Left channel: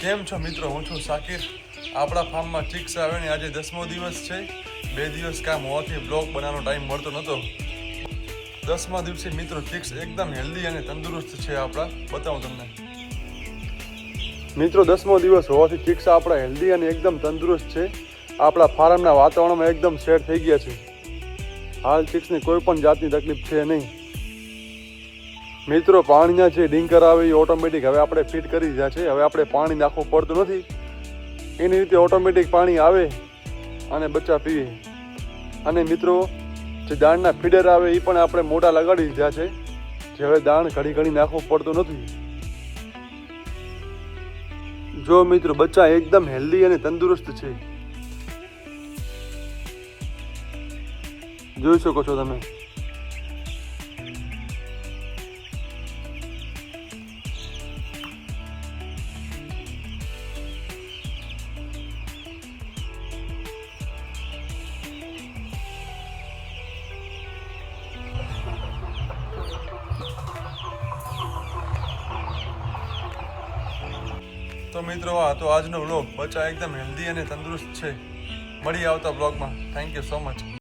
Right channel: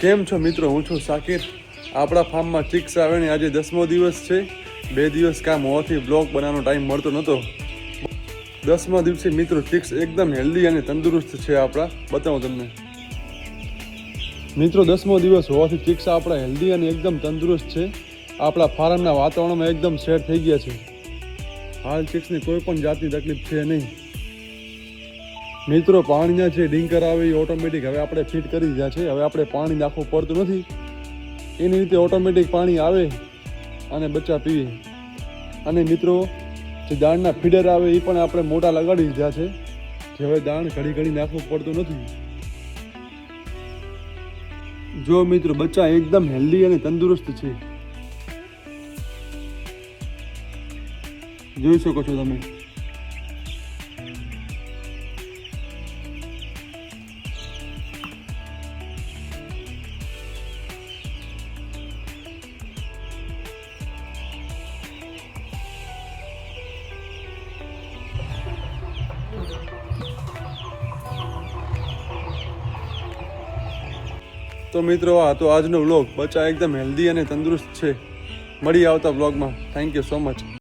કેમ છો મિત્રો? હું છું સાકિર. આપણા ફાર્મમાં ચિક્સ આવે ને આજે 10મો દિવસ છે. 2 દિવસ કામ હોવાથી બ્લોગ બનાવવાનો ટાઈમ મળતો નહોતો. 10મા દિવસે મિત્રો ચિક્સ એકદમ હેલ્ધી અને તંદુરસ્ત છે આપણા. બતાવો તમને મિત્રો, 10મો દિવસ હોવાથી ચિક્સ આપણા હેલ્ધી અને એકદમ તંદુરસ્ત છે. આપણા ફાર્મના વાતાવરણમાં એકદમ સેટ થઈ ગયા છે. હાલ ચિક્સને કોઈ પણ જાતની તકલીફ છે નહીં. મિત્રો, પાણીના જે ડિંકર આવે એ ઓટોમેટિક હવે આપણે ફિટ કરી દીધા છે. હવે આપણે પાણી નાખવું પડતું નથી. એની રીતે ઓટોમેટિક પાણી આવે અને બચ્ચા પીએ. અને મિત્રો, જે દાણના ફીડર આવે એ પણ આપણે મોટા લગાડી દીધા છે. જે હવે દાણ ઘડી ઘડી નાખવું પડતું નથી. જો મિત્રો, બચ્ચા એકદમ હેલ્ધી અને તંદુરસ્ત છે. જોઈ શકો છો તમે. તો મિત્રો, આ તો આજનો વ્લોગ. બચ્ચા એકદમ હેલ્ધી અને તંદુરસ્ત છે. મળી આવતા વ્લોગમાં. Thank you so much.